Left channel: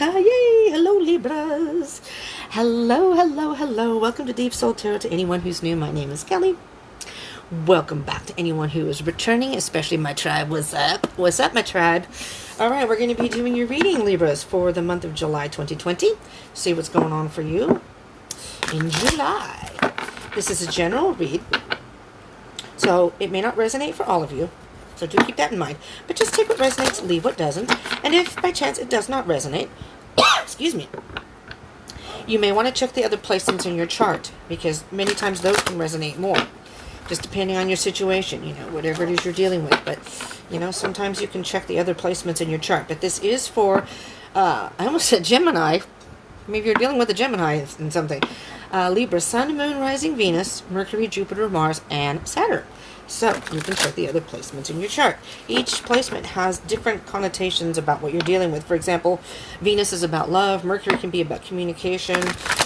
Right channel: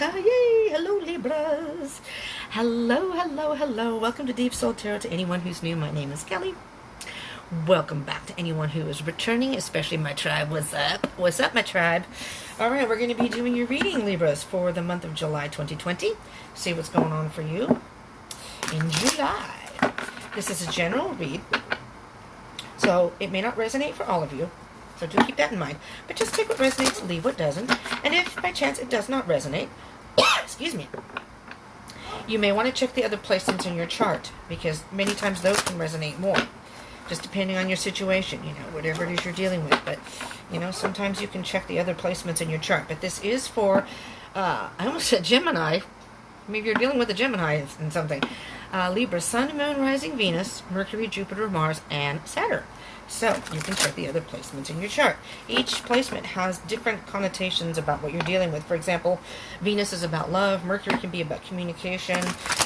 Jessica. Yay! Hello, Libras. Hello, hello, hello. Welcome to Deep Soul Tarot. To anyone who's new, my name is Kelly. Welcome back to anyone who is returning, especially my tribe. What's up? What's up, my tribe? All right, we're going to be doing your reading, Libras, for the month of July 2020. See what's going on for you in July. This is a general read, so it may not resonate for all of you. So do keep that in mind. But just take what resonates, leave what doesn't. And if by chance it does not resonate, excuse me, you may want to check the other placements in your chart, because many times those can resonate more, just depending on your situation, you know, whatever it is you're dealing with. But, you know, sometimes you can check the other placements in your chart. But this is for, I almost said Gemini. Maybe you're dealing with a Gemini in something. Libra, Sun, Moon, Rising, Venus, Mercury, Jupiter, Mars, and Saturn. So you can check the other placements in your chart. Each placement has different connotations about what you're dealing with. For example, Venus is about love. Mercury can be about communication.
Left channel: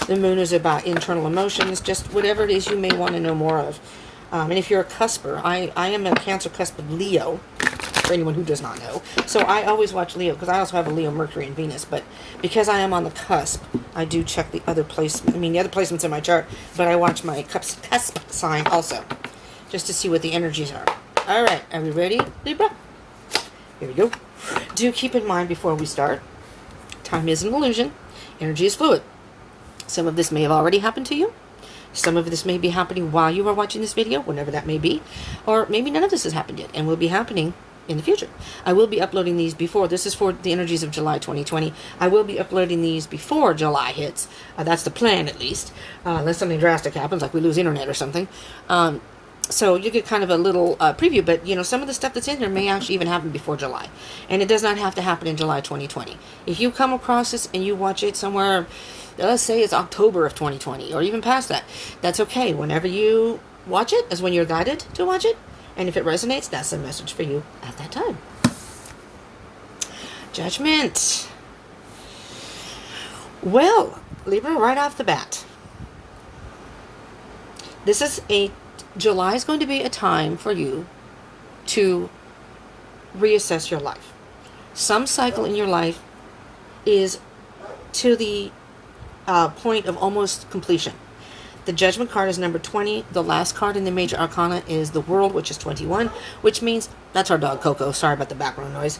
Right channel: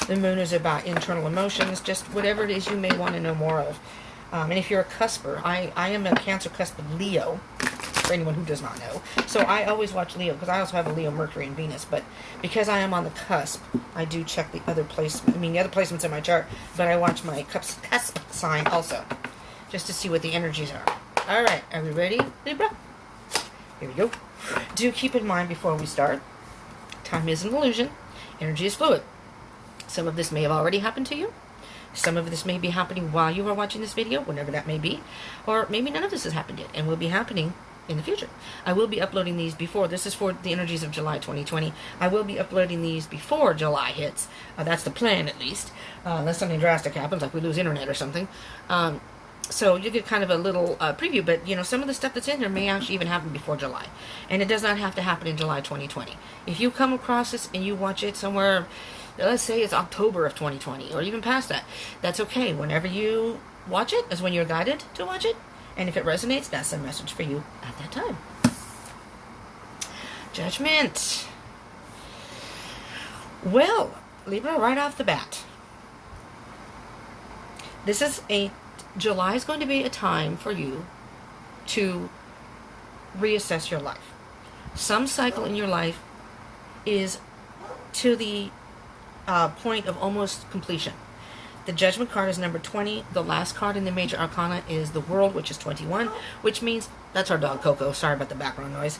The Moon is about internal emotions. Just whatever it is you may want to know more of. And if you're a cusper, I am a Cancer cusp of Leo, for anyone who does not know. So I always watch Leo, because I also have a Leo, Mercury, and Venus. But because I am on the cusp, I do check the other placement. I mean, the other placements in my chart, but I watch my cusp sign also, just to see what the energies are. All right, are we ready, Libra? Here we go. Do keep in mind before we start, time is an illusion. Energy is fluid. Some of this may have already happened to you. Some of this may be happening while you are watching this video, whenever that may be. Or maybe none of this has happened yet and will be happening in the future. I will be uploading these before. This is for the energies of July 2020. I will be uploading these before July hits. That's the plan, at least. Unless something drastic happens, like we lose internet or something. So you get kind of a little preview, but you know, some of the stuff that's in here may actually even happen before July. And it does not have to happen in July 2020. If you come across this and you watch it somewhere, let's say it's October of 2020, or even past that, that's okay. Whenever you watch it is when you're guided to watch it. And if it resonates, that's a message for you at that time. Judgment. Well, Libra, right off the bat, July is going to be a time for you to reassess your life. Some cycle in your life is to the point of almost completion. The Judgment card is number 20. The last card in the Major Arcana is the World, which is 21, which means, that's our dog Coco. Sorry about the background noise.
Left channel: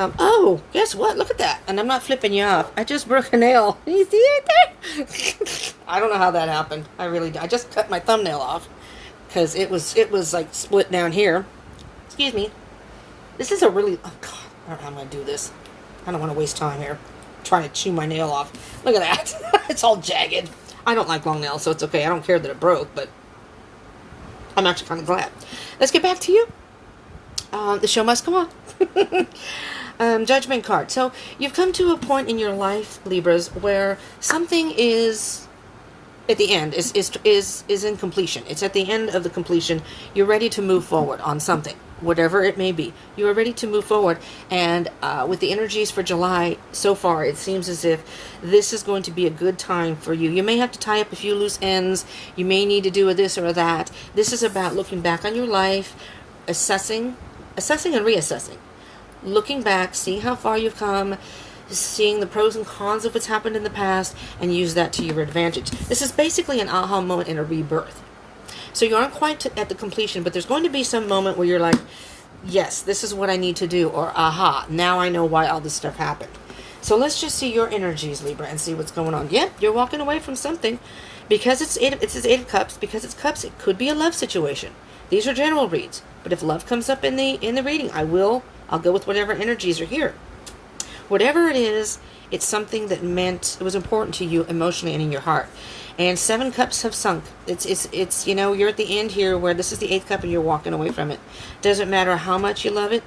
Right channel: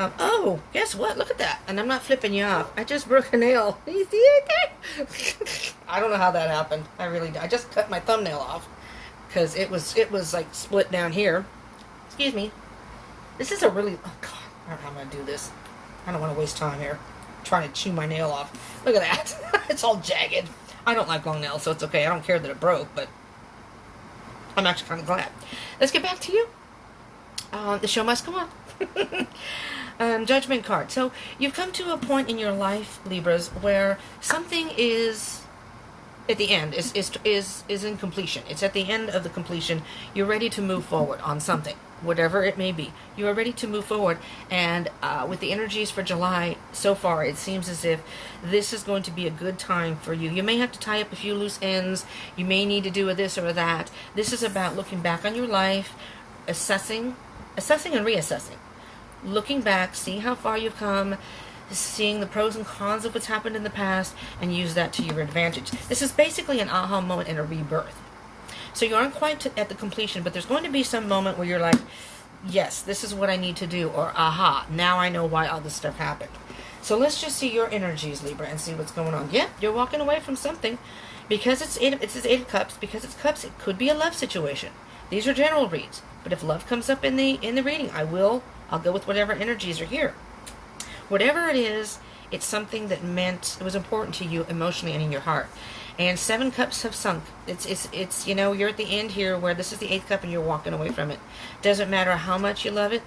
Oh, guess what? Look at that. And I'm not flipping you off. I just broke a nail. You see it there? I don't know how that happened. I really did. I just cut my thumbnail off because it was like split down here. Excuse me. This is a really, oh God, I don't know how I'm going to do this. I don't want to waste time here trying to chew my nail off. Look at that. It's all jagged. I don't like long nails, so it's okay. I don't care that it broke, but I'm actually kind of glad. Let's get back to you. The show must go on. Judgment card. So you've come to a point in your life, Libras, where something is at the end, is in completion. It's at the end of the completion. You're ready to move forward on something, whatever it may be. You are ready to move forward. And with the energies for July so far, it seems as if this is going to be a good time for you. You may have to tie up a few loose ends. You may need to do a this or a that. This is about looking back on your life, assessing and reassessing. Looking back, seeing how far you've come, seeing the pros and cons of what's happened in the past, and use that to your advantage. This is basically an aha moment and a rebirth. So you aren't quite at the completion, but there's going to be some moment where you're like, yes, this is what I need to do, or aha, now I know why all this stuff happened. So let's just see your energies, Libra, and see what's going on. Yep, you're walking away from something. Because it's Eight of Cups, because it's cups, it could be a love situation. These are general reads, but if love comes up in the reading, I'll go with whatever energies are here. Whatever it is, it's something that it was important to you emotionally and in your heart. And 7 cups have sunk. It's you know, you're at the end here where this is the 8th cup and you're walking away from it. Doesn't matter how much you love it.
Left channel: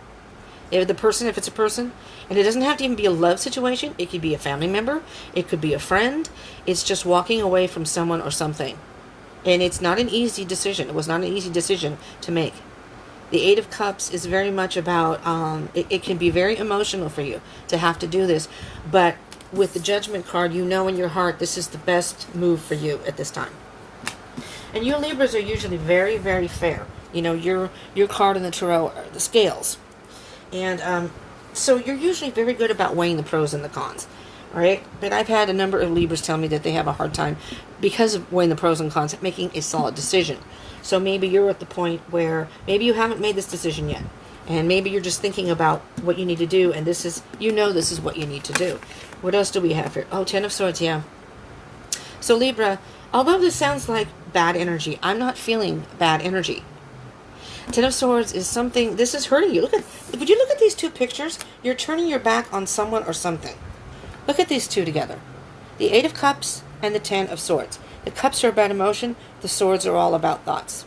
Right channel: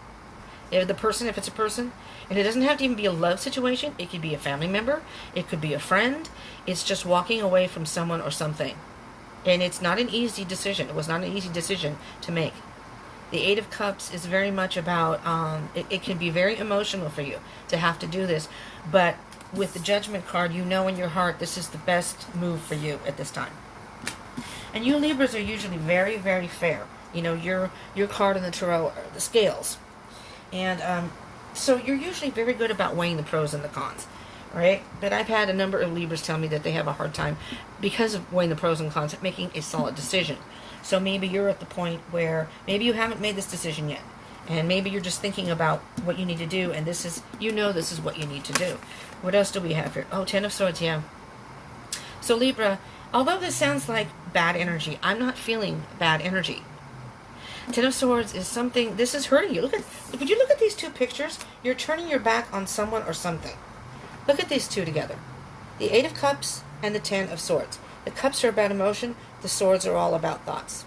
If it's a person, and it doesn't have to even be a love situation. It could be a family member. It could be a friend. It's just walking away from someone or something. And it's not an easy decision. It was not an easy decision to make. The 8 of Cups is very much about, it can be very emotional for you to have to do this. But with the Judgment card, you know in your heart this is the best move for you at this time. And you Libras are usually very, very fair. You know, your card in the tarot are the scales. And So you're usually very good about weighing the pros and the cons, right? But I've had a number of Libras tell me that they have a hard time, because of weighing the pros and cons, making a solid decision. So maybe you're at the point where maybe you haven't made this decision yet. And maybe you're just thinking about what you need to do, and this is, this is what you need to do. What else do we have here? Oh, Ten of Swords, yeah. So Libra, although this sounds like bad energy, I'm not feeling bad energy. Ten of Swords is something, this is hurting you. Would you look at these two pictures? You're turning your back on someone or something. Look at these two together. The Eight of Cups and the Ten of Swords. The cups are about emotion. The swords are all about thoughts.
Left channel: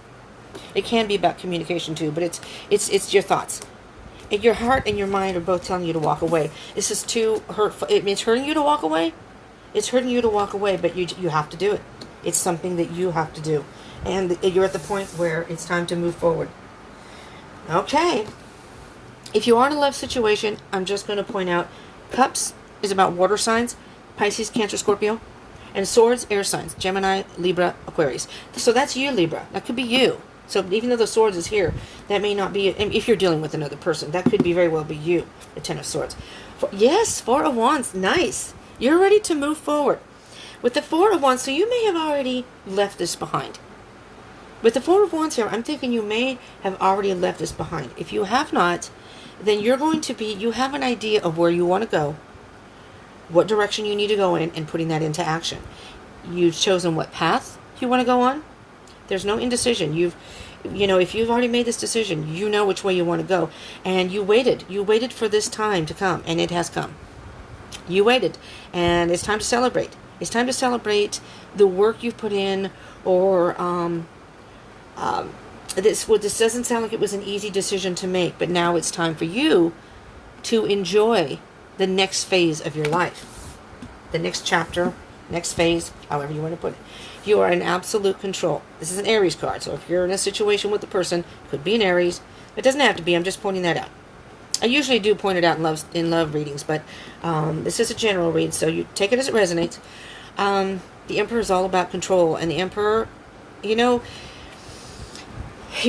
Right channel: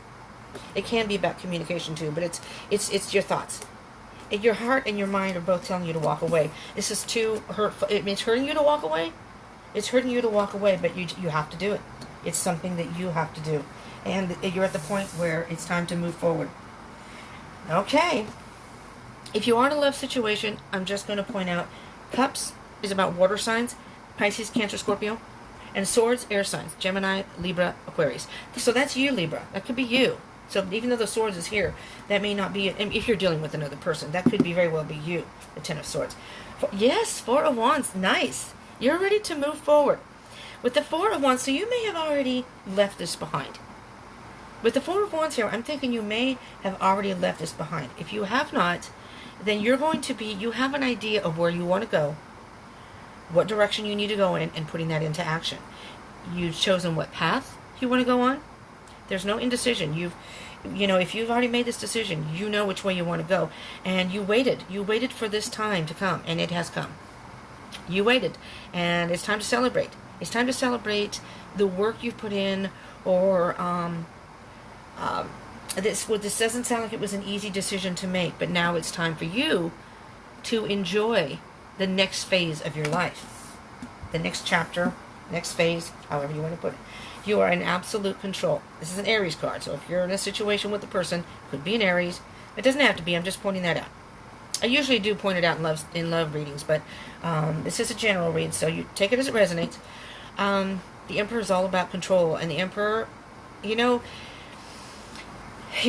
It can be about communication too, but it's your thoughts. And your heart and your mind are both telling you to walk away. This is too hurtful. It's hurting you to walk away. It's hurting you to walk away, but you have to do it. It's something that you have to do. And you're at the point where it's time to move forward. Okay. If you are in a love situation, I'm just going to point out, Cups is about water signs, Pisces, Cancer, Scorpio. And Swords, air signs, Gemini, Libra, Aquarius. So that's you, Libra. That could be you. So even though the Swords is here, that may not be, if you're dealing with another person, that could be very well be you, the Ten of Swords. Yes, Four of Wands, nice. You're ready to move forward. With the Four of Wands, so you may have already left this behind. With the Four of Wands here, I'm thinking you may have already left this behind. If you have not, then you're going to be, you have an idea of where you want to go, what direction you need to go in, and putting that into action. You've chosen what path you want to go on. There's no indecision. If you've already made this decision, you know which way you want to go. And you waited for this time to come, and it has come. You waited, and it's time to celebrate. It's time to celebrate the work you've put in, or this doesn't sound like it was an easy decision to make, but now it's time for you to enjoy the next phase of your life. The next chapter, next phase, however you want to put it. You are in absolute control. This is an Aries card, so if you're in a situation with a person, could be an Aries. It doesn't have to be, I'm just pointing that out. I usually do point it out in love readings, but this is a general read, so you take it as it resonates. The Emperor is all about control, and the Emperor, you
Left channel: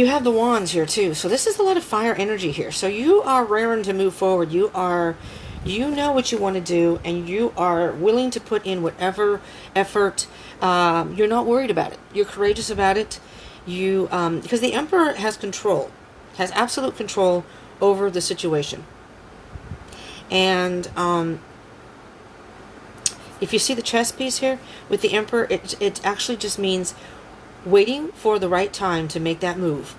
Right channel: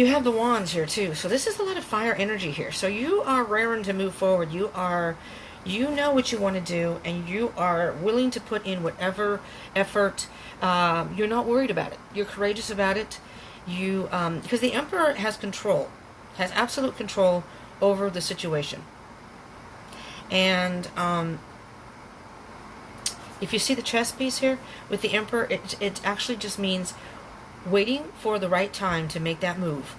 have the wands here too, so this is a lot of fire energy here. So you are raring to move forward. You know what you want to do, and you are willing to put in whatever effort. You're not worried about it. You're courageous about it. Because the Emperor has control, has absolute control over the situation. And if you see the chess piece here with the Emperor, it actually just means waiting for the right time to make that move,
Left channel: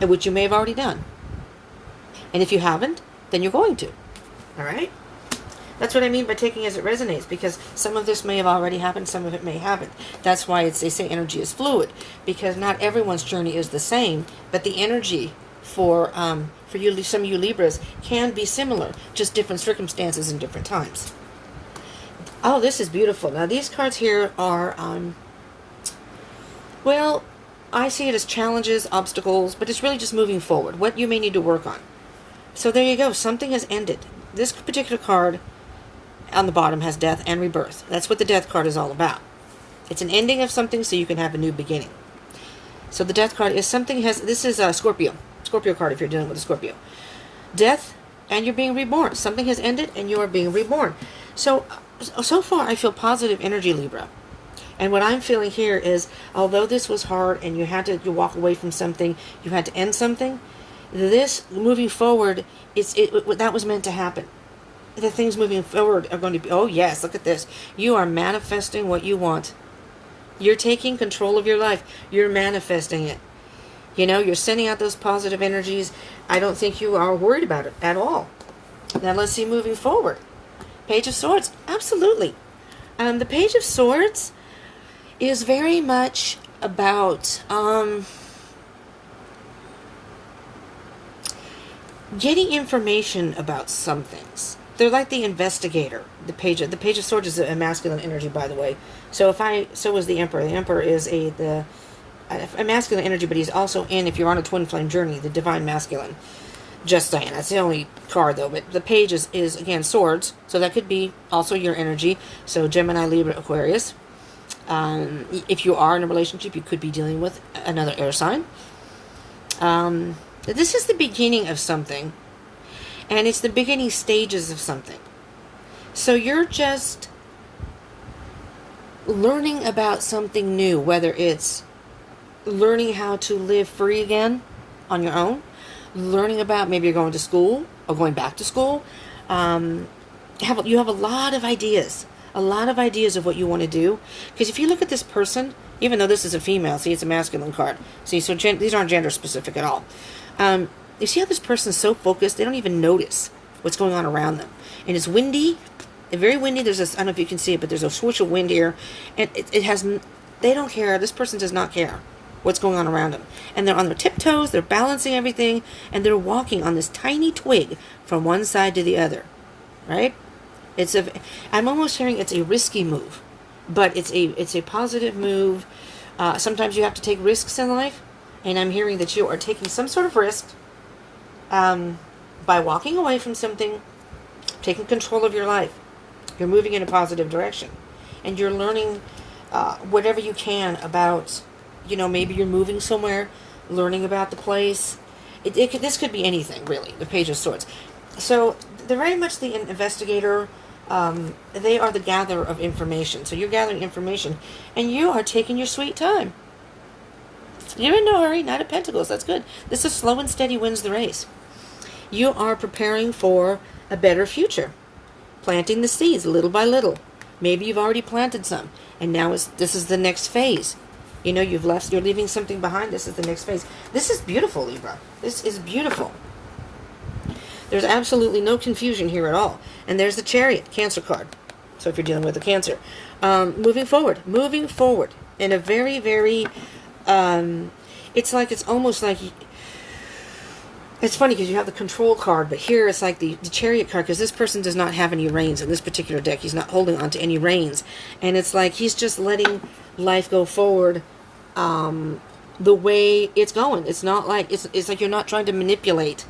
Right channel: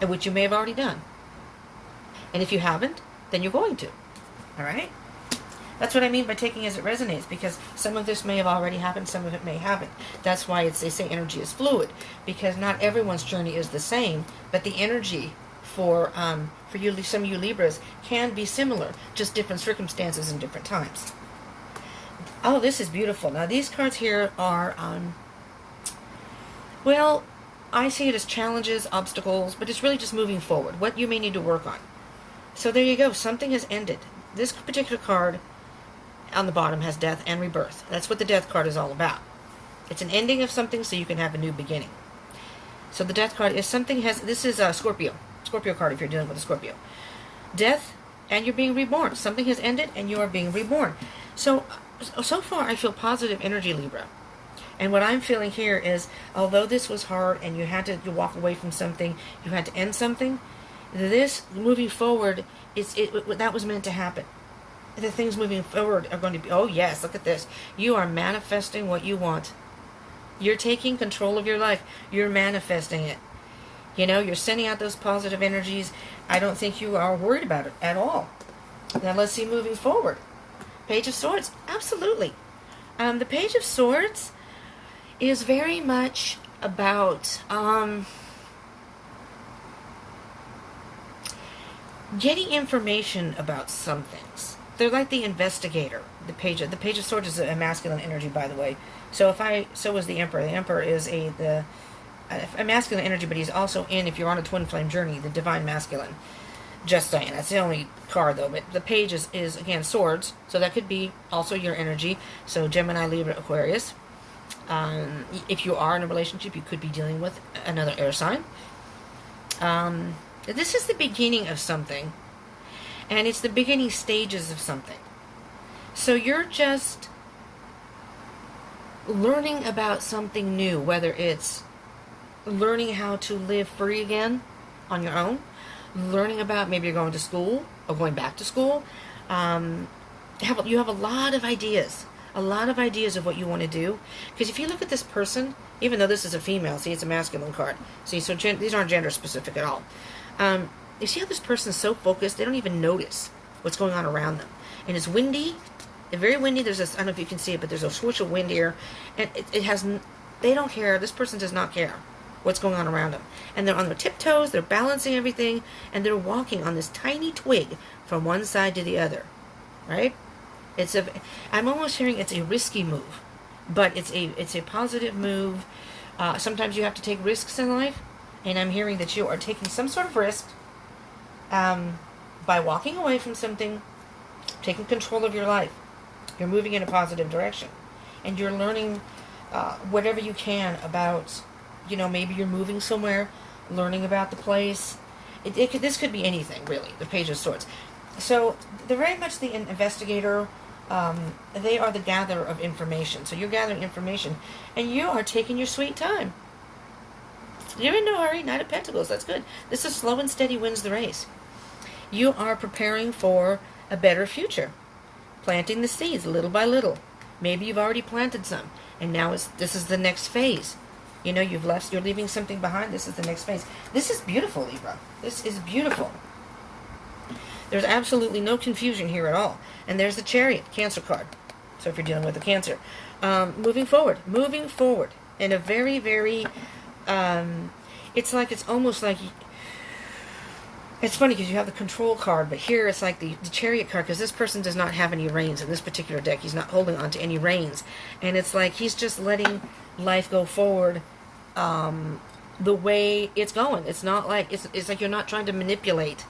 which you may have already done. And if you haven't, then you're going to. All right? That's what I mean by taking as it resonates, because some of this may have already happened, some of it may haven't. That's why they say energy is fluid, because not everyone's journey is the same, but the energy for you, some of you Libras, can be similar, just different circumstances and different times. Oh, this is beautiful. Now, these cards here are, well, I see it as challenges, obstacles, but it's really just moving forward, what you may need to work on. So there you go. Something has ended. This particular card on the bottom has death and rebirth. That's what the death card is all about. It's an ending of something so you can have a new beginning. So the death card is this is a Scorpio card if you're dealing with a Scorpio. Death, and you're being reborn. Something has ended and you are being reborn. So far I feel positive energy, Libra. And what I'm feeling here is, although this was hard and you walk away from something, you had to end something, this moving forward, that was meant to happen. The things moving forward are going to be, oh yes, look at this. You are manifesting what you want. You're taking control of your life. You're manifesting it. You're sending out those positive energies. I don't think you are worried about it at all. Now let's see moving forward. Page of Swords, absolutely. The Page of Swords is very much about getting information about some things. They're like the investigator. The Page of Swords is a masculine energy, by the way. So is the Emperor. The Emperor is a masculine energy, but he's also if you're on a twin flame journey, the divine masculine. Just saying. That's the only card, though. But the Page is again, swords. So that could be also your energy. So Gemini, Libra, Aquarius. If you are in a relationship, you could be dealing with another air sign. This is the beginning of something. And it's the beginning stages of something. So you're just learning about something new, whether it's learning how to live free again on your own, learning about maybe you're going to school or going back to school. You have a lot of ideas of what you want to do. Because if you look at this person, even though this is a female, see, it's a masculine card. See, so these aren't gender specific at all. You see how this person's so focused, they don't even notice what's going on around them. And it's windy, very windy. There's this, I don't know if you can see it, but there's a swoosh of wind here. And they don't care. This person does not care what's going on around them. And they're on their tiptoes, they're balancing everything, and they're walking on this tiny twig from one side to the other, right? I'm almost hearing it's a risky move, but it's a positive move. Sometimes you have to take risks in life, and I'm hearing that you are taking some sort of risk by walking away from something, taking control of your life. You're moving in a positive direction, and you're learning whatever you can about, maybe you're moving somewhere, learning about the place. This could be anything, really, the Page of Swords. So they're very much the investigator. They are the gatherer of information. So you're gathering information, and you are taking your sweet time. You're in no hurry. Knight of Pentacles. That's good. This is slow and steady wins the race. You are preparing for a better future. Planting the seeds little by little. Maybe you've already planted some, and now this is the next phase. You're leaving something behind. This is the next phase. This is beautiful, Libra. This is beautiful. There's absolutely no confusion here at all. And there's the Chariot, Cancer card. So if you're dealing with a Cancer. Moving forward in a very, very, it's almost like, it's funny because you have the Control card, but here it's like the Chariot card, because this person does not have any reins in this particular deck. He's not holding on to any reins. And it's like he's just letting life go forward the way it's going. It's not like, it's like you're not trying to manipulate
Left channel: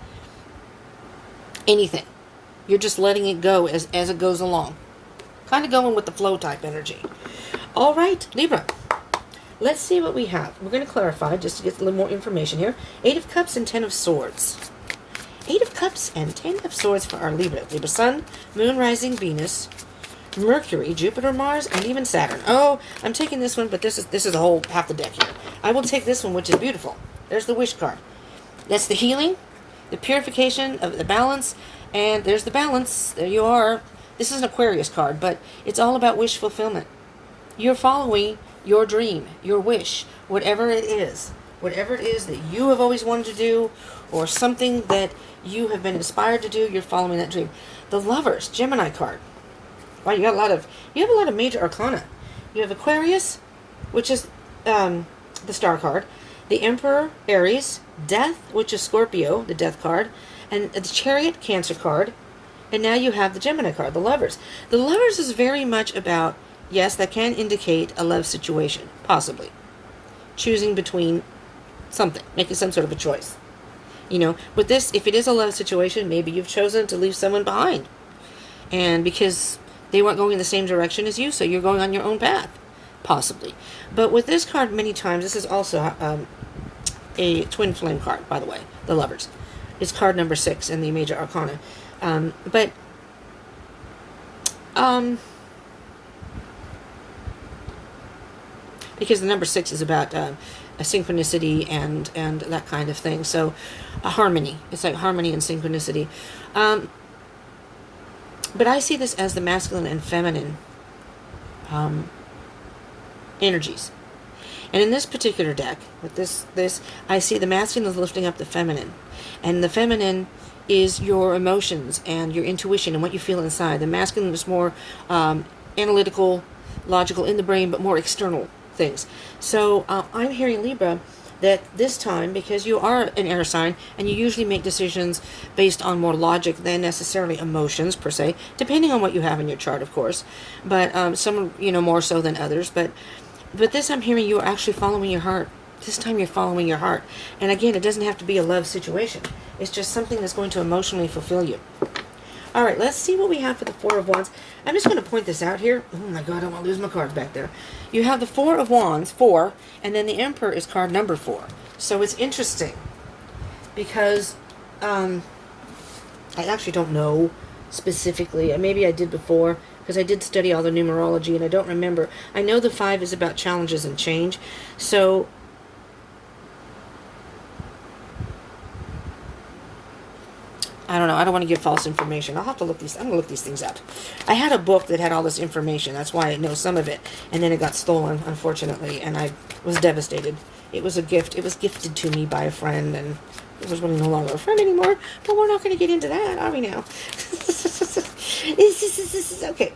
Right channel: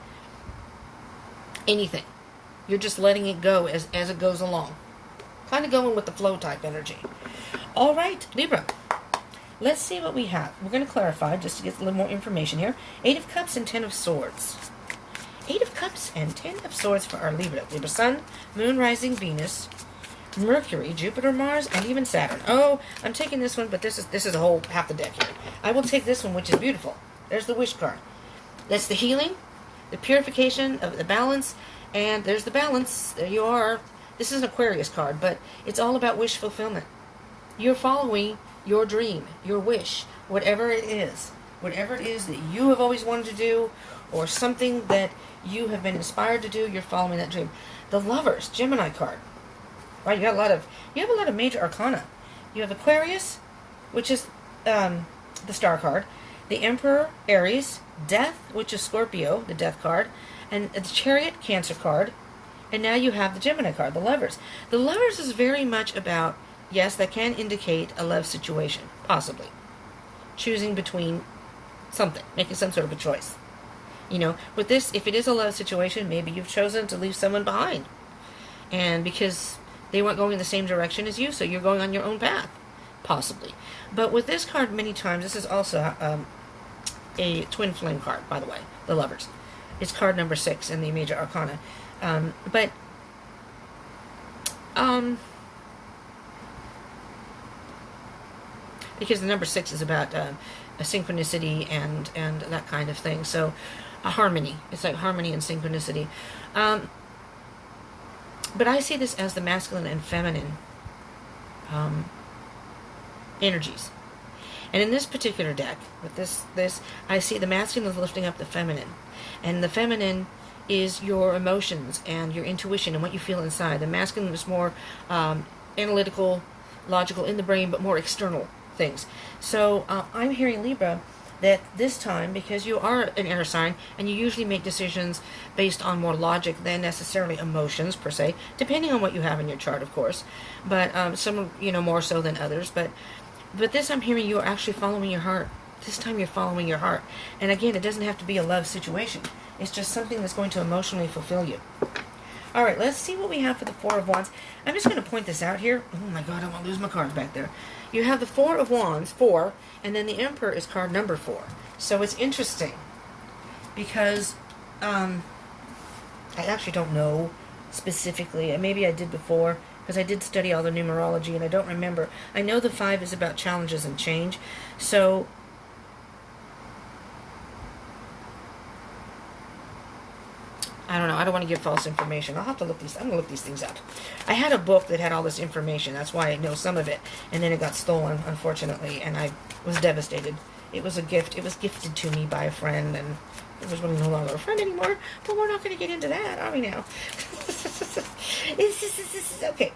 anything. You're just letting it go as it goes along. Kind of going with the flow type energy. All right, Libra. Let's see what we have. We're going to clarify just to get a little more information here. 8 of Cups and 10 of Swords. 8 of Cups and 10 of Swords for our Libra. Libra Sun, Moon, Rising, Venus, Mercury, Jupiter, Mars, and even Saturn. Oh, I'm taking this one, but this is a whole half the deck here. I will take this one, which is beautiful. There's the Wish card. That's the healing, the purification of the balance, and there's the balance. There you are. This is an Aquarius card, but it's all about wish fulfillment. You're following your dream, your wish, whatever it is that you have always wanted to do, or something that you have been inspired to do, you're following that dream. The Lovers, Gemini card. Wow, you have a lot of major arcana. You have Aquarius, which is the Star card, the Emperor, Aries, Death, which is Scorpio, the Death card, and the Chariot, Cancer card, and now you have the Gemini card, the Lovers. The Lovers is very much about, yes, that can indicate a love situation, possibly. Choosing between something, making some sort of a choice. With this, if it is a love situation, maybe you've chosen to leave someone behind. And because they weren't going in the same direction as you, so you're going on your own path, possibly. But with this card, many times, this is also a twin flame card, by the way, the Lovers. It's card number 6 in the major arcana. Because the number 6 is about a synchronicity and that kind of thing. So a harmony. It's like harmony and synchronicity. But I see this as the masculine and feminine energies. And in this particular deck, with this, I see the masculine is lifting up the feminine. And the feminine is your emotions and your intuition and what you feel inside. The masculine is more analytical, logical in the brain, but more external things. So I'm hearing, Libra, that this time, because you are an air sign and you usually make decisions based on more logic than necessarily emotions per se, depending on what you have in your chart, of course, but some more so than others, but this I'm hearing you are actually following your heart. This time you're following your heart. And again, it doesn't have to be a love situation. It's just something that's going to emotionally fulfill you. All right, let's see what we have for the Four of Wands. I'm just going to point this out here. Oh my God, I want to lose my cards back there. You have the Four of Wands, 4, and then the Emperor is card number 4. So it's interesting because I actually don't know specifically. Maybe I did before, because I did study all the numerology, and I don't remember. I know the 5 is about challenges and change. So I don't know. I don't want to give false information. I'll have to look these. I'm going to look these things up. I had a book that had all this information. That's why I know some of it. And then it got stolen, unfortunately, and I was devastated. It was a gift. It was gifted to me by a friend, and it was really no longer a friend anymore. But we're not going to get into that, are we now? Okay.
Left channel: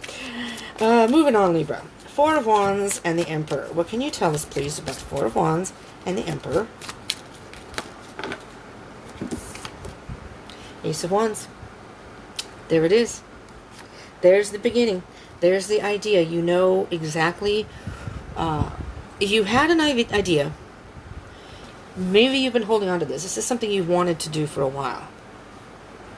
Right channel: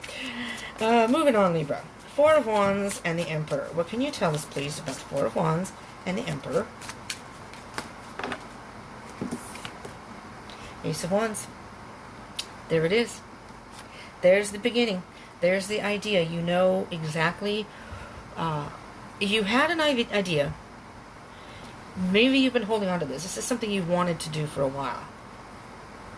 Moving on, Libra. 4 of Wands and the Emperor. What can you tell us, please, about the 4 of Wands and the Emperor? Ace of Wands. There it is. There's the beginning. There's the idea. You know exactly. You had an idea. Maybe you've been holding on to this. This is something you've wanted to do for a while.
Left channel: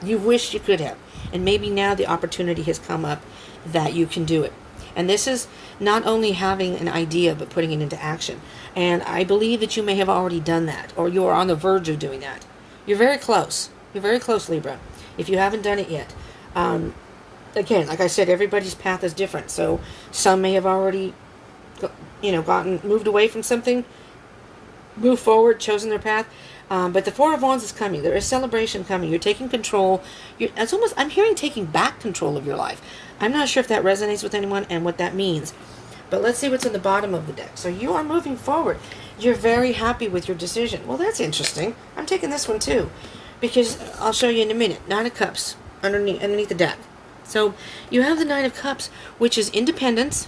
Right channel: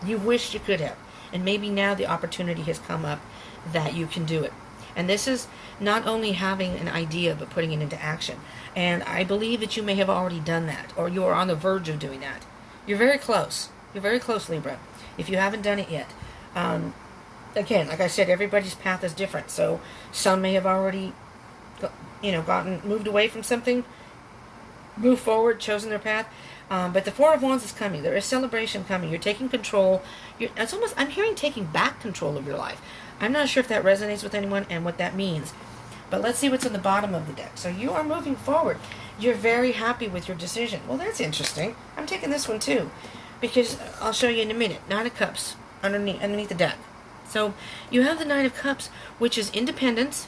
You wished you could have. And maybe now the opportunity has come up that you can do it. And this is not only having an idea, but putting it into action. And I believe that you may have already done that, or you are on the verge of doing that. You're very close. You're very close, Libra, if you haven't done it yet. Again, like I said, everybody's path is different. So some may have already, moved away from something, moved forward, chosen their path. But the 4 of Wands is coming. There is celebration coming. You're taking control. I'm hearing taking back control of your life. I'm not sure if that resonates with anyone and what that means. But let's see what's in the bottom of the deck. So you are moving forward. You're very happy with your decision. Well, that's interesting. I'm taking this one too, because I'll show you in a minute. 9 of Cups underneath the deck. So you have the 9 of Cups, which is independence.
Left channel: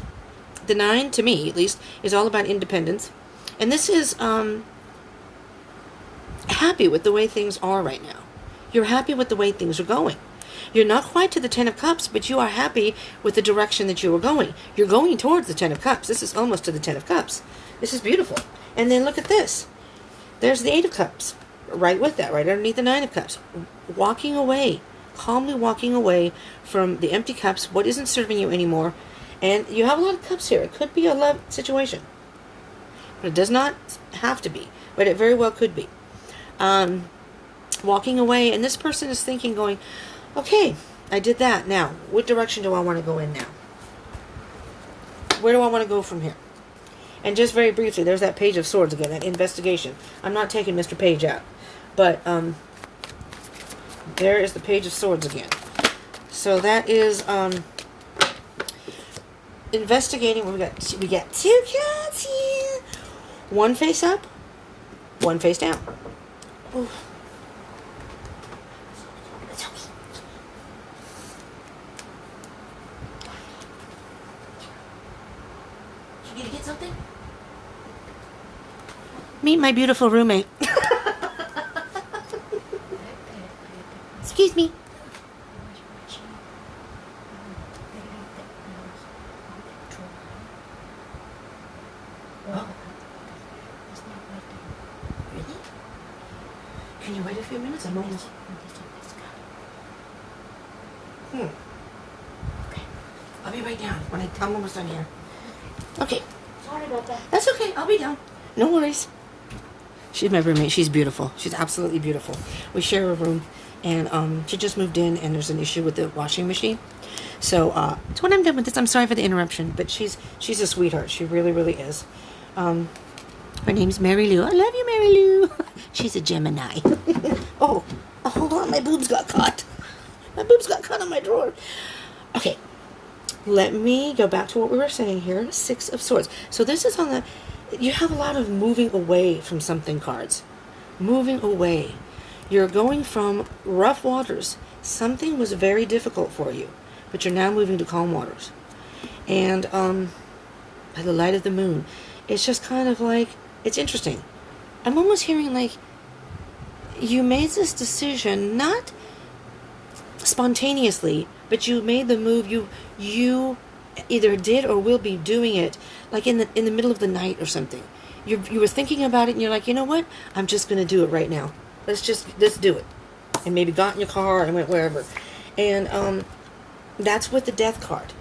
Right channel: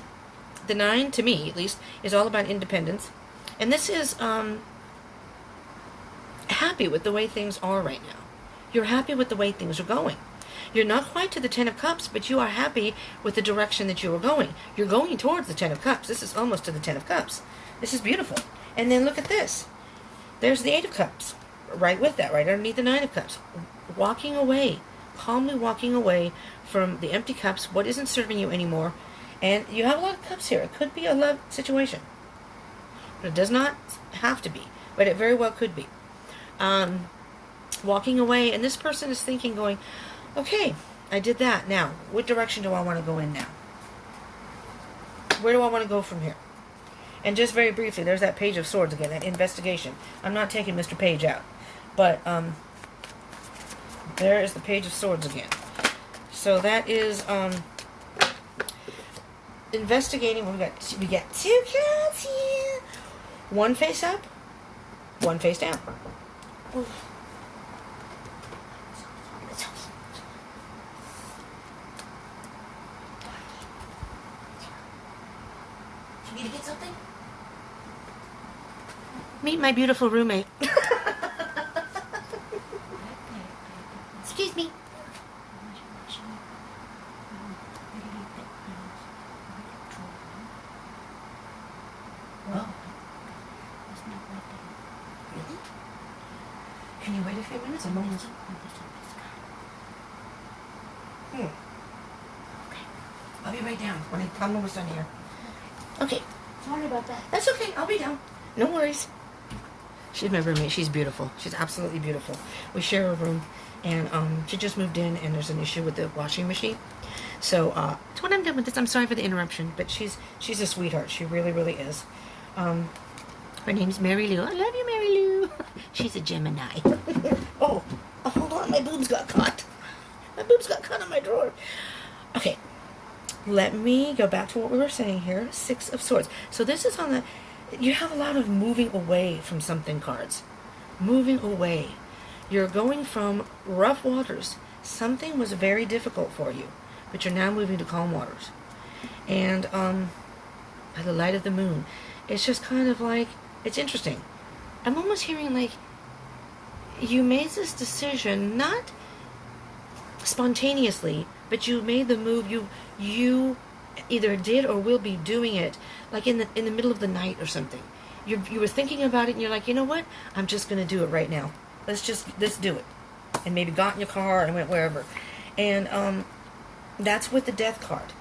The 9, to me at least, is all about independence. And this is happy with the way things are right now. You're happy with the way things are going. You're not quite to the 10 of Cups, but you are happy with the direction that you are going. You're going towards the 10 of Cups. This is almost to the 10 of Cups. This is beautiful. And then look at this. There's the 8 of Cups. Right with that, right underneath the 9 of Cups. Walking away. Calmly walking away from the empty cups, what isn't serving you anymore. And you have a lot of cups here. It could be a love situation. But it does not have to be. But it very well could be. Walking away, and this person is thinking, going, okay, I did that. Now, what direction do I want to go in now? Where do I want to go from here? And just very briefly, there's that Page of Swords again, that investigation. I'm not taking Mr. Page out. But, there is the Page of Swords again. So that is, investigating. We got 2 cards here. One face up, one face down. Ooh. You need to get something? Meet my beautiful roommate. Excuse me. Really? Can you wait a few minutes? I'm almost... Okay. I'll be right down when I'm almost done here. Okay. Sorry about that. That's okay. I'll be down. No worries. She's my roommate. She's beautiful. She's absolutely beautiful. We share a room. And she just moved in, and there's an issue with the washing machine. So that's when I'm done with this. I'm sorry for the interruption, but she's a sweetheart. She really, really is. Her name's Mary Lou. I love you, Mary Lou. She's a Gemini. Oh, hold on. My boobs got caught. My boobs got caught on my drawer. Okay. Let me go back to what we were saying here. 6 of Swords. So this is on the... You have a lot of moving away from something cards. Moving away. You're going from rough waters. Something was very difficult for you, but you're now moving to calm waters. And by the light of the moon, it's just kind of like, it's interesting. I'm almost hearing like you made this decision, not spontaneously, but you made the move. You either did or will be doing it, like in the middle of the night or something. You were thinking about it, and you're like, you know what? I'm just going to do it right now. Let's do it. And maybe got in your car and went wherever. And that's with the Death card.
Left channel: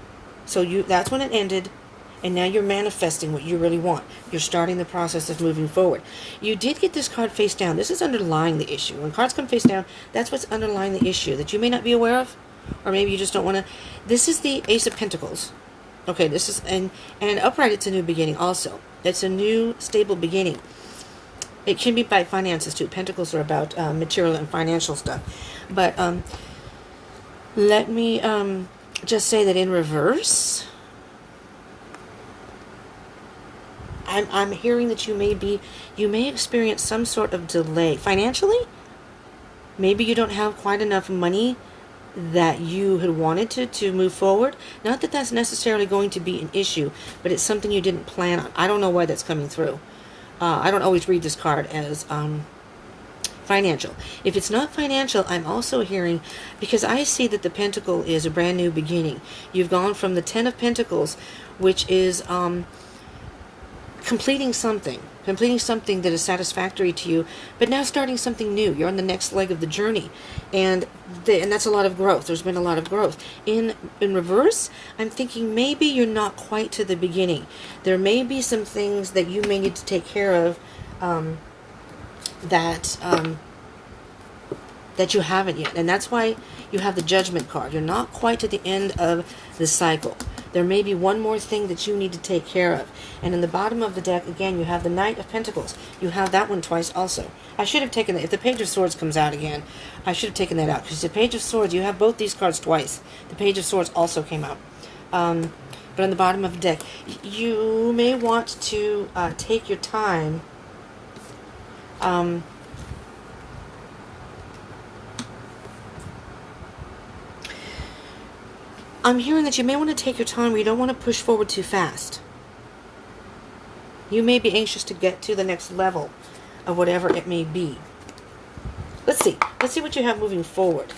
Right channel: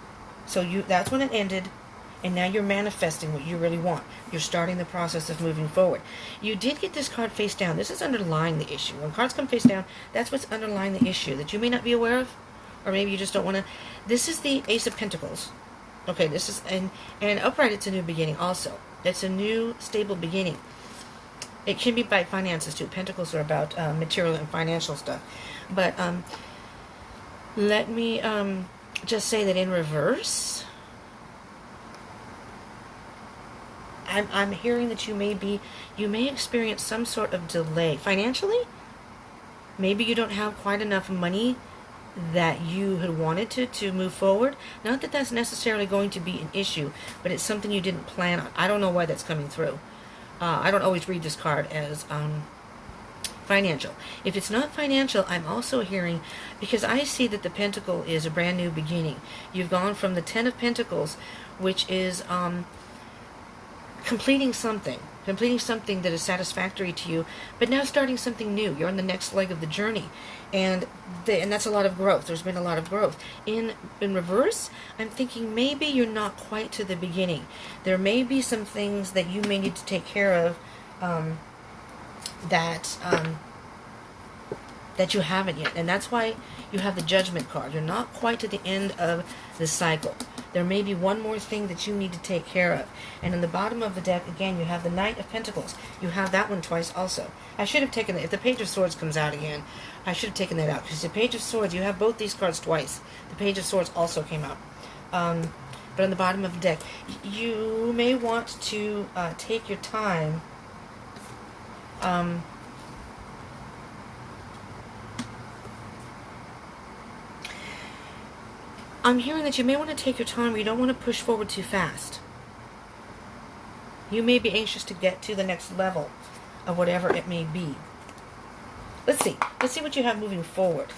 So that's when it ended. And now you're manifesting what you really want. You're starting the process of moving forward. You did get this card face down. This is underlying the issue. When cards come face down, that's what's underlying the issue that you may not be aware of. Or maybe you just don't want to. This is the Ace of Pentacles. Okay, this is, and upright, it's a new beginning also. It's a new, stable beginning. It can be by finances too. Pentacles are about material and financial stuff. But let me just say that in reverse, I'm hearing that you may experience some sort of delay financially. Maybe you don't have quite enough money that you had wanted to move forward. Not that that's necessarily going to be an issue, but it's something you didn't plan on. I don't know why that's coming through. I don't always read this card as financial. If it's not financial, I'm also hearing, because I see that the Pentacle is a brand new beginning. You've gone from the Ten of Pentacles, which is completing something that is satisfactory to you, but now starting something new. You're on the next leg of the journey, and that's a lot of growth. There's been a lot of growth. In reverse, I'm thinking maybe you're not quite to the beginning. There may be some things that you may need to take care of that you haven't yet, and that's why you have the Judgment card. You're not quite to the end of the cycle. There may be one more thing that you need to take care of. And in the bottom of the deck, again, you have the Knight of Pentacles. You have that one twice also. I should have taken that. If the Page of Swords comes out again, I should have taken that out. Because the Page of Swords, you have both these cards twice. The Page of Swords also came out. But on the bottom of the deck, you may want to take your time. I'm hearing that you may want to take your time. You don't want to push forward too fast. You may be anxious to get to the next level of whatever it may be. Let's see. Let's see what you have moving forward.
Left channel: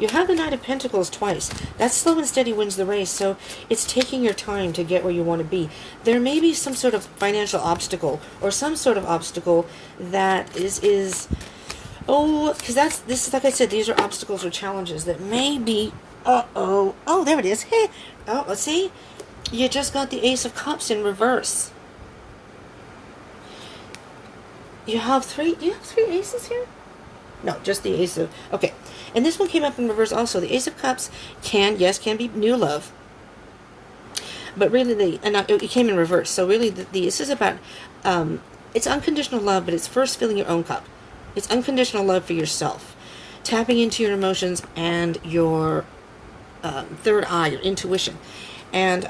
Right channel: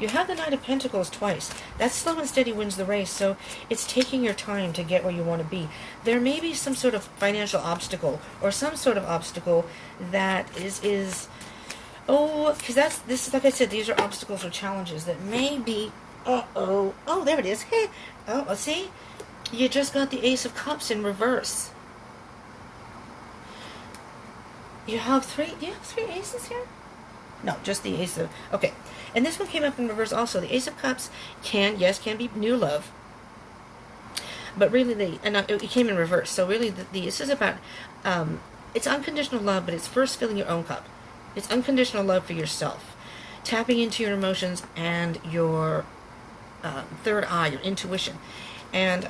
You have the Knight of Pentacles twice. That slow and steady wins the race, so it's taking your time to get where you want to be. There may be some sort of financial obstacle or some sort of obstacle that is because this is, like I said, these are obstacles or challenges that may be. Oh, there it is. Oh, see? You just got the Ace of Cups in reverse. You have three aces here? No, just the Ace of... Okay. And this one came up in reverse also. The Ace of Cups can be new love. But really, it came in reverse. So really, this is about... it's unconditional love, but it's first filling your own cup. It's unconditional love for yourself. Tapping into your emotions and your... third eye, your intuition. And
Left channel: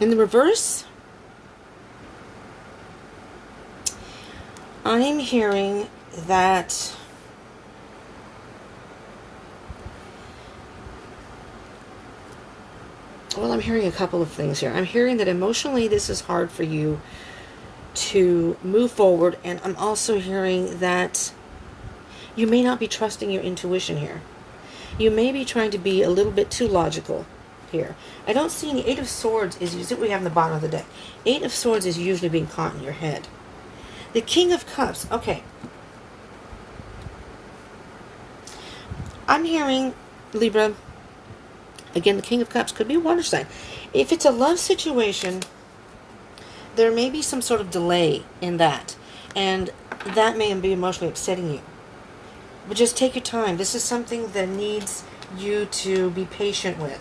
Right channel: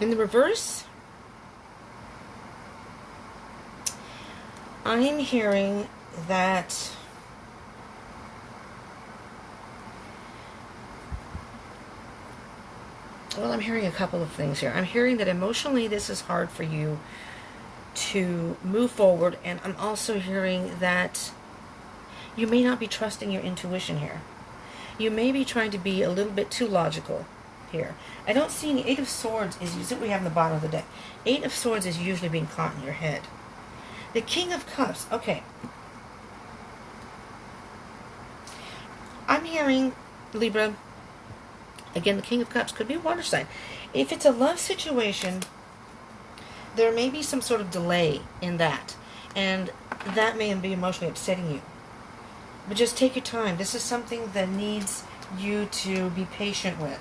in the reverse, I'm hearing that I'm hearing a couple of things here. I'm hearing that emotionally this is hard for you to move forward, and I'm also hearing that you may not be trusting your intuition here. You may be trying to be a little bit too logical here. I don't see any. Eight of Swords is usually we have in the bottom of the deck. Eight of Swords is usually being caught in your head. The King of Cups. Okay. I'm hearing, Libra, again, the King of Cups could be a water sign. If it's a love situation, there may be some sort of delay in that. And that may be emotionally upsetting you. But just take your time. This is something that needs you to be patient with,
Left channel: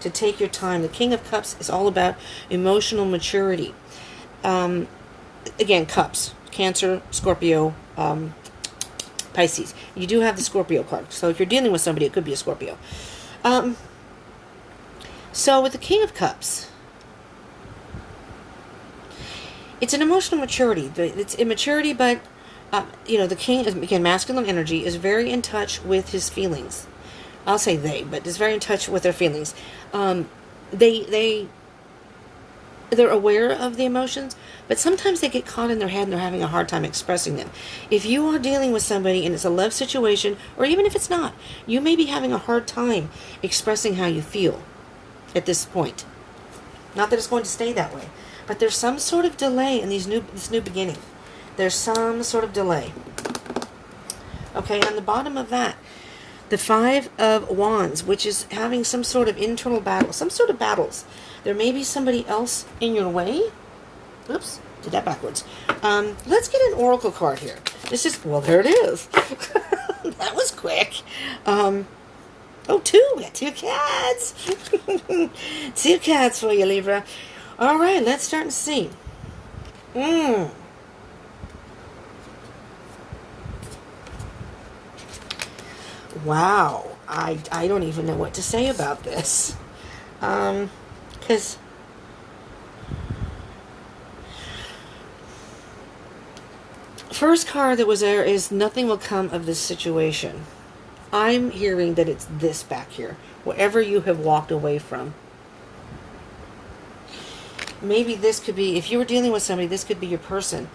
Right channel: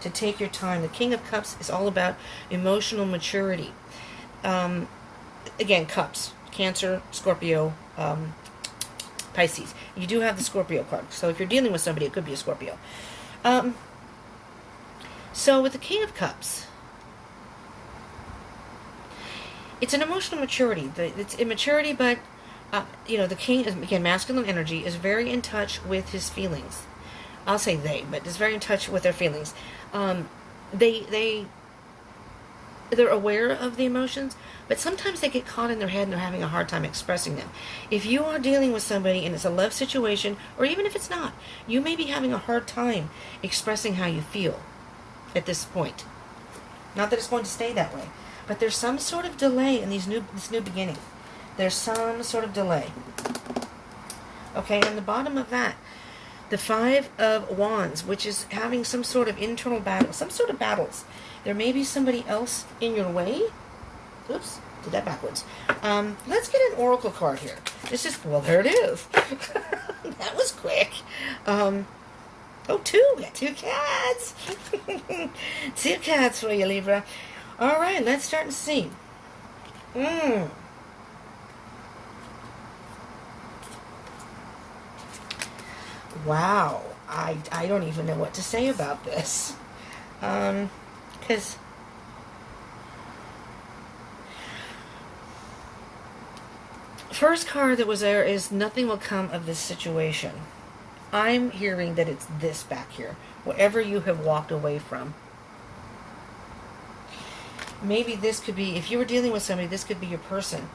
to take your time. The King of Cups is all about emotional maturity. Again, Cups, Cancer, Scorpio, Pisces. You do have the Scorpio card. So if you're dealing with somebody, it could be a Scorpio. So with the King of Cups, it's an emotional maturity. It's immaturity, but the king is, again, masculine energy, is very in touch with his feelings. I'll say they, but is very in touch with their feelings. They're aware of the emotions, but sometimes they get caught in their head and they're having a hard time expressing them. If you are dealing with somebody and it's a love situation, or even if it's not, you may be having a hard time expressing how you feel at this point. Not that it's going to stay that way, but there's some sort of delay in this new beginning. There's some sort of delay. Okay, on the bottom of that, The Five of Wands, which is having some sort of internal battle, some sort of battles. There may be somebody else in your way. Oops, did that backwards. Let's get an oracle card here. This is, well, there it is. That was quick. Oh, two. We got two cats. Two cats for you, Libra. All right, let's start and see. Wow. I don't even know what to say about this. Because first card that was there is nothing will come of this situation. I'm hearing that it's this back here. Whatever you have walked away from. Maybe this could be, if you were dealing with somebody, this could be your person.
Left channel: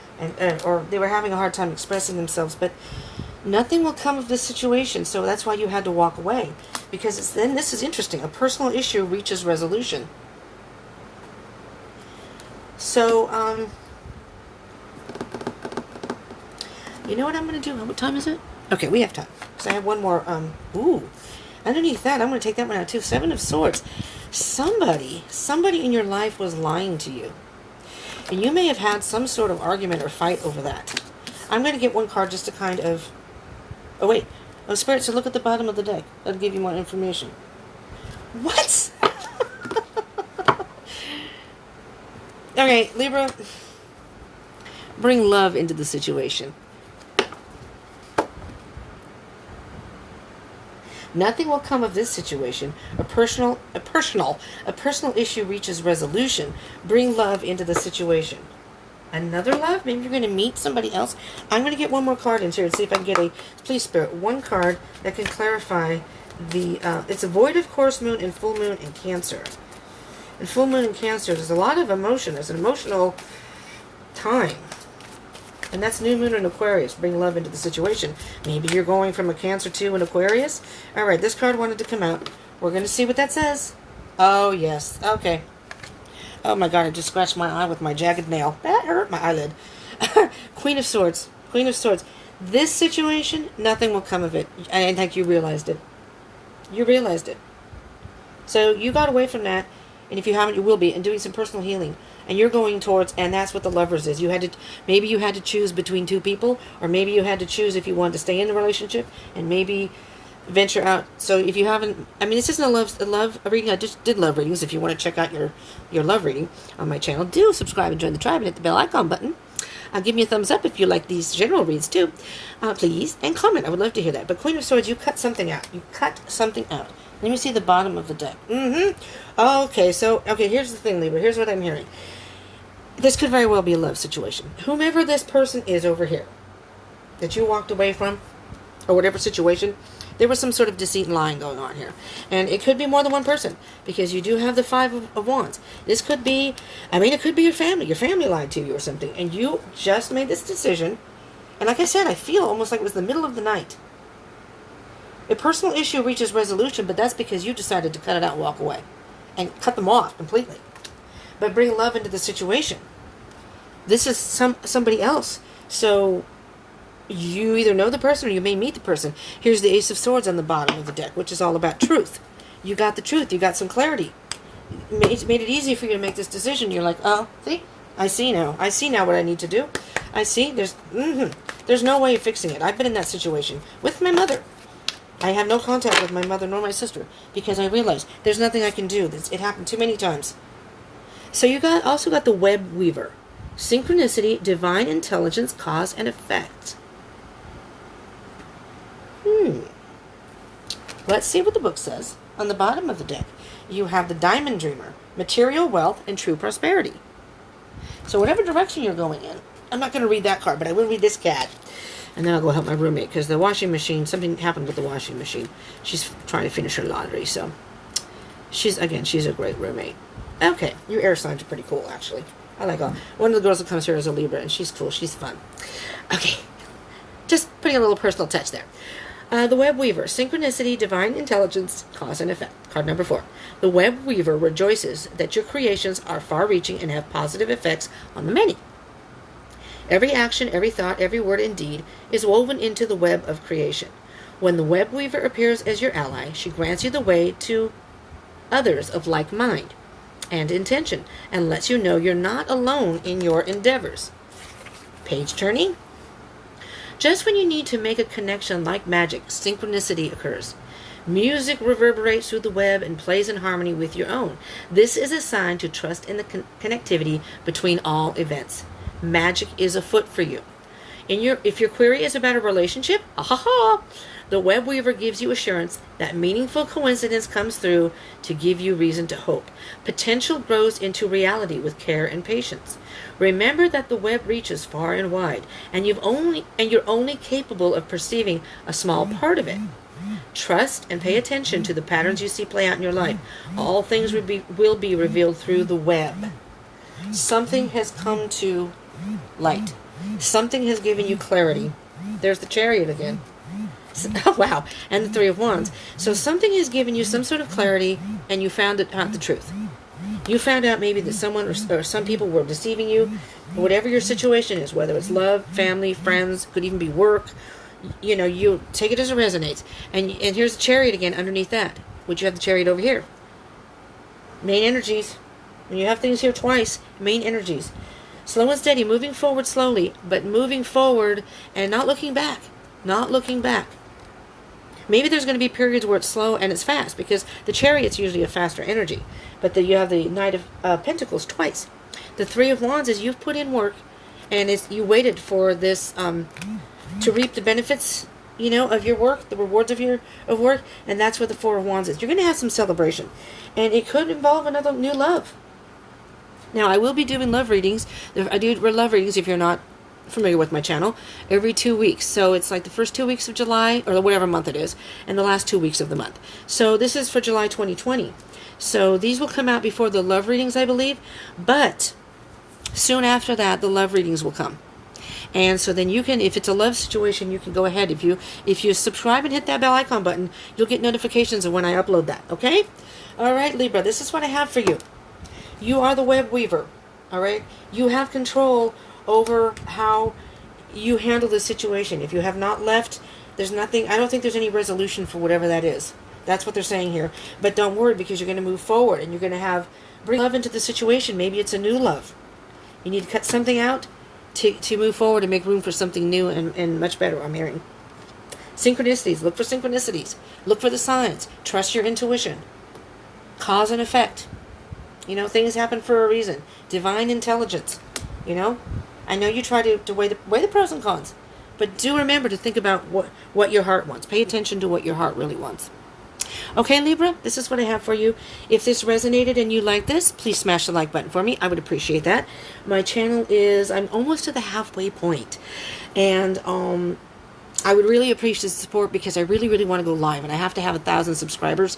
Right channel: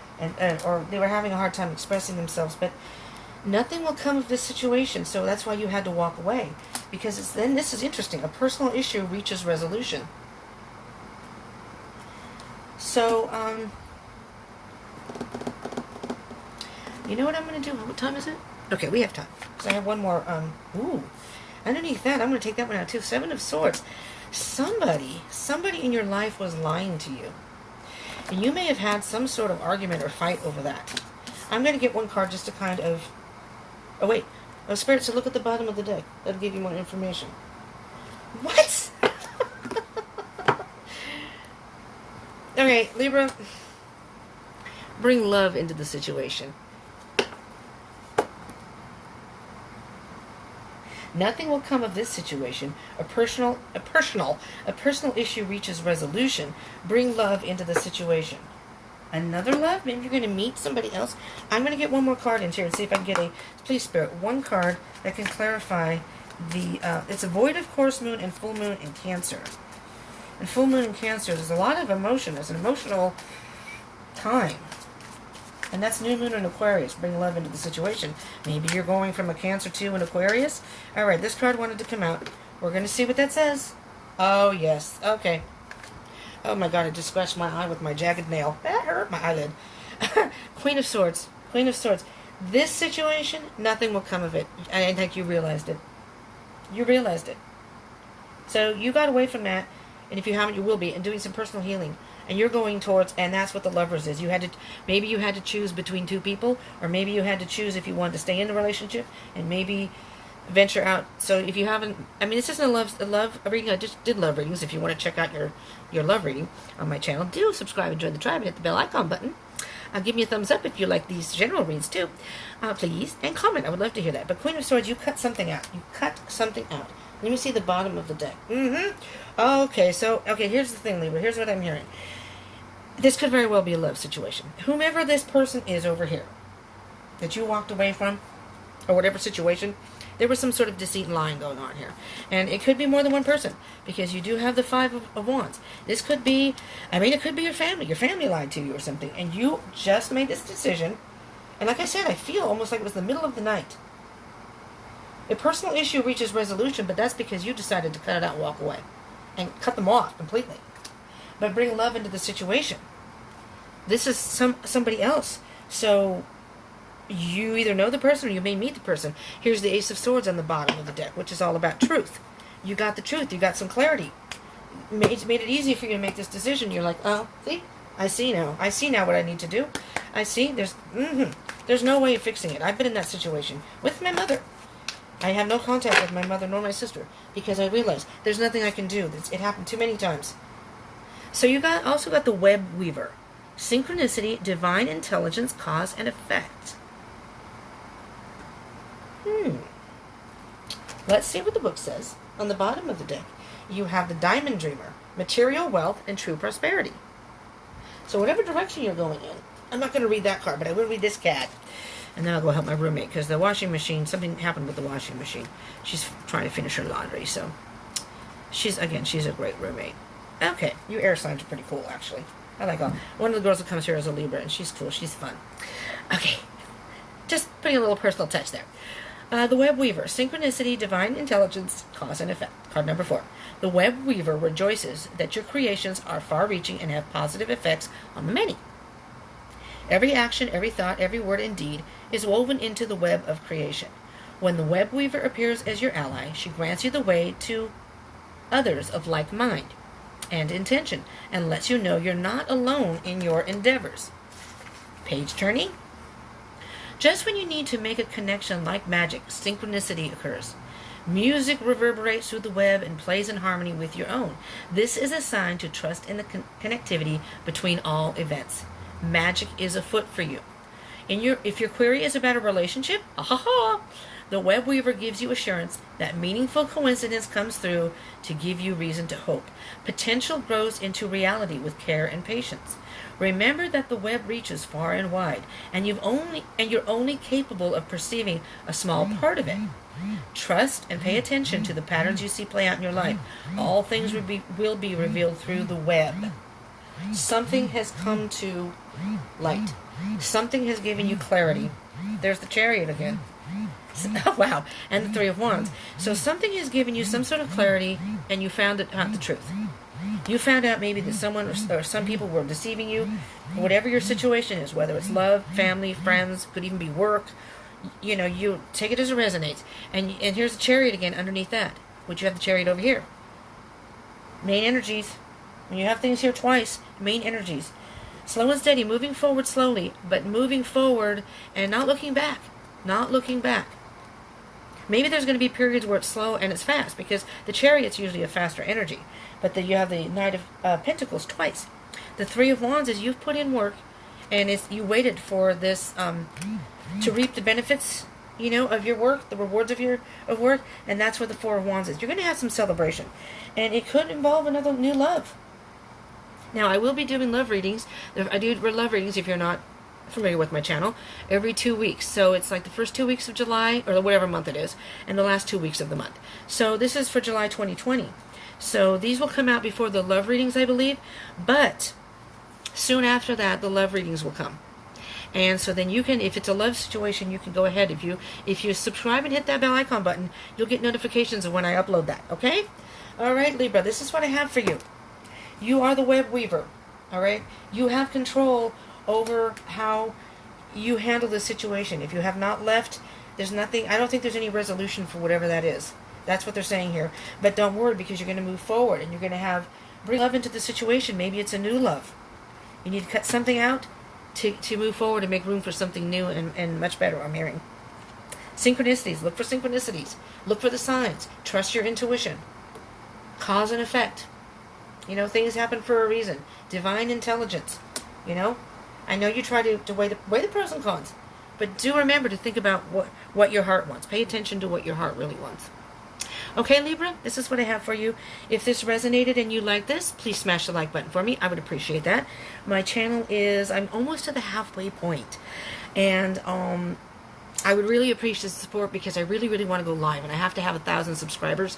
Or they were having a hard time expressing themselves. But nothing will come of this situation. So that's why you had to walk away. Because then this is interesting. A personal issue reaches resolution. So, you know what I'm going to do? What time is it? Okay, we have time. Because I have one more. Underneath that, I'm going to take that one out too. Seven of Swords. Somebody in your life was lying to you. And you may have had some sort of argument or fight over that. I'm going to get one card just to kind of... Oh, wait. Oh, Spirit, so look at the bottom of the deck. That'll give you more information. What? Okay, Libra. Bring love into the situation. Nothing will come of this situation. A personal issue reaches resolution. Bring love into the situation. Another love? Maybe you're going to meet somebody else. I'm going to get one more card in here and see if I can get a, please Spirit, one card that can clarify the, it's a void of course moon and full moon in Cancer. In full moon in Cancer, there's a lot of emotion. It's an emotional time. And that's new moon in Aquarius. Bring love into the situation. Maybe you're going from a Cancer to an Aquarius. All right, this card wanted to come out. We're going to see what that says. Oh, yes. Okay. Oh, my God. I just scratched my eye with my jagged nail. That hurt my eyelid. Queen of Swords. Queen of Swords. This situation, nothing will come of it. I think you realized it. You realized it. So you got away from that. And if you haven't, you will be. And doing some personal healing. And you're going towards, and that's what the Lovers is. You had to, maybe you had to choose between two people, or maybe you had to choose if you wanted to stay in the relationship, and maybe venture out. So if you haven't, I mean, this isn't a love reading. I just did love readings. If you want to check out your love reading on my channel, do subscribe and join the tribe and hit the bell icon button. Give me a thumbs up if you like these general reads too, please, and comment. I would love to hear that. But Queen of Swords, you cut something out. You cut something out. Let me see the bottom of the deck. Okay, so, here's the thing, Libra. Here's what I'm hearing. This could very well be a love situation. Whomever this person is over here that you walked away from, or whatever situation, there was some sort of deceit and lying going on here. And it could be more than one person, because you do have the Five of Wands. This could be, it could be your family. Your family lied to you or something, and you just made this decision. And like I said, I feel almost like it was the middle of the night. A personal issue reaches resolution, but that's because you decided to cut it out and walk away. And cut them off completely. But bring love into the situation. This is somebody else. So you either know the person or you may meet the person. Here's the Ace of Swords on the bottom of the deck, which is all about truth. You got the truth. You got some clarity. Made it easy for you to make this decision. You're like, oh, see? I see now. I see now what I need to do. I see. There's no way of fixing it. I've been in that situation with my mother. I have no contact with my mother nor my sister because I realized there's nothing I can do. It happened too many times. So you also got the Web Weaver. Synchronicity, divine intelligence, cause and effect. Let's see what the book says. On the bottom of the deck, you have the Diamond Dreamer, material wealth and true prosperity. So whatever direction you're going in, I'm not going to read that card, but I will read this cat. And then I'll go help my roommate, because the washing machine, something happened with the washing machine. She's trying to finish her laundry, so she's a great roommate. Okay, your air signs are pretty cool, actually. I like them. One of the girls that comes here is a Libra, and she's cool. She's fun. Okay, just putting a little personal touch there. The Web Weaver, synchronicity, divine intelligence, cause and effect. Card number 4. The Web Weaver rejoices that your creations are far-reaching and have positive effects on the many. Every action, every thought, every word and deed is woven into the web of creation. When the web weaver appears as your ally, she grants you the way to others of like mind and intention and lets you know you're not alone in your endeavors. Page turning. Just when you need to make a connection like magic, synchronicity occurs. Music reverberates through the web and plays in harmony with your own. This is a sign to trust in the connectivity between all events. Magic is afoot for you. If your query is about a relationship, the web weaver gives you assurance that meaningful coincidence comes through to give you reason to hope. Potential grows into reality with care and patience. Remember that the web reaches far and wide, and you're only capable of perceiving a small part of it. Trust and pay attention to the patterns you see play out in your life. All things will be revealed through the web. Something has come to light. Something has given you clarity. There's the Chariot again. Oh, wow. And the Three of Wands. So something has given you some sort of clarity, and you found out the truth. You found out maybe that someone or some people were deceiving you. Whatever your situation is, whether it's love, family, friends, could even be work, you take it as it resonates. And here's the Chariot again underneath that. Would you have the Chariot over here? Main energies. When you have things here twice, main energies. Slow and steady, moving forward slowly, but moving forward and not looking back. Not looking back. Maybe there's going to be periods where it's slow and it's fast, because the Chariot's usually a faster energy. But you have the Knight of Pentacles twice. The Three of Wands is you've put in work, and you waited for this to reap the benefits, of your work, the rewards of work, and that's what the Four of Wands is. You're going to have some celebration, and it could involve another new love. Now, I will be doing love readings. I do love readings, if you're not familiar with my channel, every 2 weeks. So it's like the first 2 weeks of July, or whatever month it is, and the last 2 weeks of the month. So this is for July 2020. So these will come out before the love readings, I believe, but soon after that, the love readings will come. And so then you can, if it's a love situation, you can go ahead. If you subscribe and hit that bell icon button, you'll get notifications of when I upload that, okay? All right, Libra, this is what I have for you. You are the web weaver, all right? You have control over how you handle this situation. If you have not left, there's nothing, I don't think there's any resolution for whatever that is. That's what they're saying here. But don't worry, because you're going to move forward, and you're going to bring love into the situation. Maybe it's a new love. You need to cut something out to move forward and make room for something new and much better, I'm hearing. Synchronicities. Look for synchronicities. Look for the signs. Trust your intuition. Cause and effect. Things happen for a reason. Divine intelligence. I know you try to weigh the pros and cons, but do remember to think about what your heart wants. Pay attention to what your heart really wants. Okay, Libra, this is what I have for you. If this resonated and you like this, please smash the like button for me. I would appreciate that. My channel I'm almost to the halfway point. And I would really appreciate the support, because I really, really want to go live. And I have to have 1,000 subscribers.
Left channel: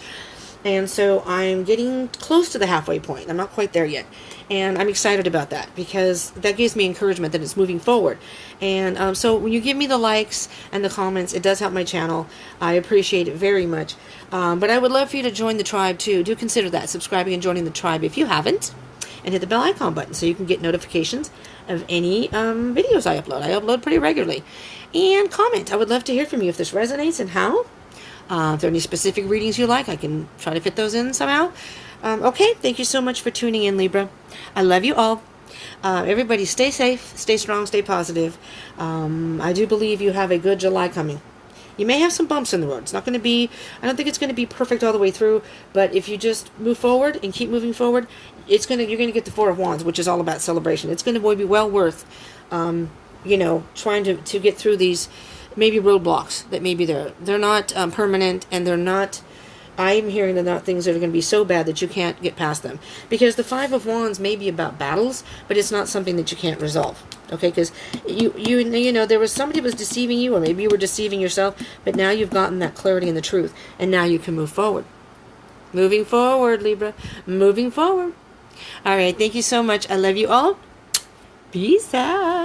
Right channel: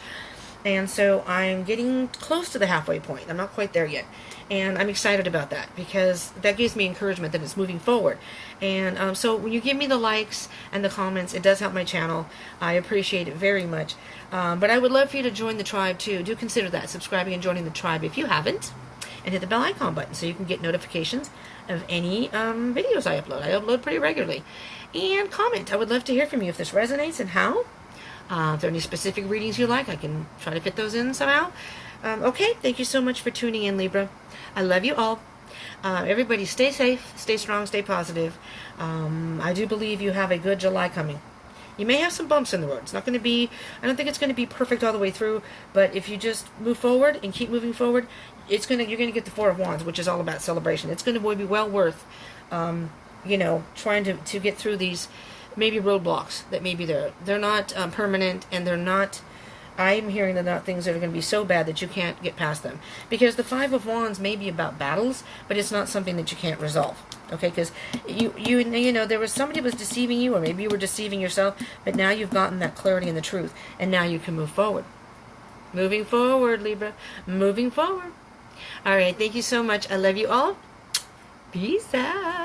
And so I'm getting close to the halfway point. I'm not quite there yet. And I'm excited about that, because that gives me encouragement that it's moving forward. And so when you give me the likes and the comments, it does help my channel. I appreciate it very much. But I would love for you to join the tribe too. Do consider that, subscribing and joining the tribe if you haven't. And hit the bell icon button so you can get notifications of any videos I upload. I upload pretty regularly. And comment. I would love to hear from you if this resonates and how. If there are any specific readings you like, I can try to fit those in somehow. Okay, thank you so much for tuning in, Libra. I love you all. Everybody stay safe, stay strong, stay positive. I do believe you have a good July coming. You may have some bumps in the road. It's not going to be, I don't think it's going to be perfect all the way through, but if you just move forward and keep moving forward, you're going to get the Four of Wands, which is all about celebration. It's going to be well worth, trying to get through these maybe roadblocks that may be there. They're not permanent, and they're not, I'm hearing they're not things that are going to be so bad that you can't get past them. Because the Five of Wands may be about battles, but it's not something that you can't resolve. Okay, because there was somebody who was deceiving you, or maybe you were deceiving yourself, but now you've gotten that clarity and the truth, and now you can move forward. Moving forward, Libra. Moving forward. All right, thank you so much. I love you all. Peace out.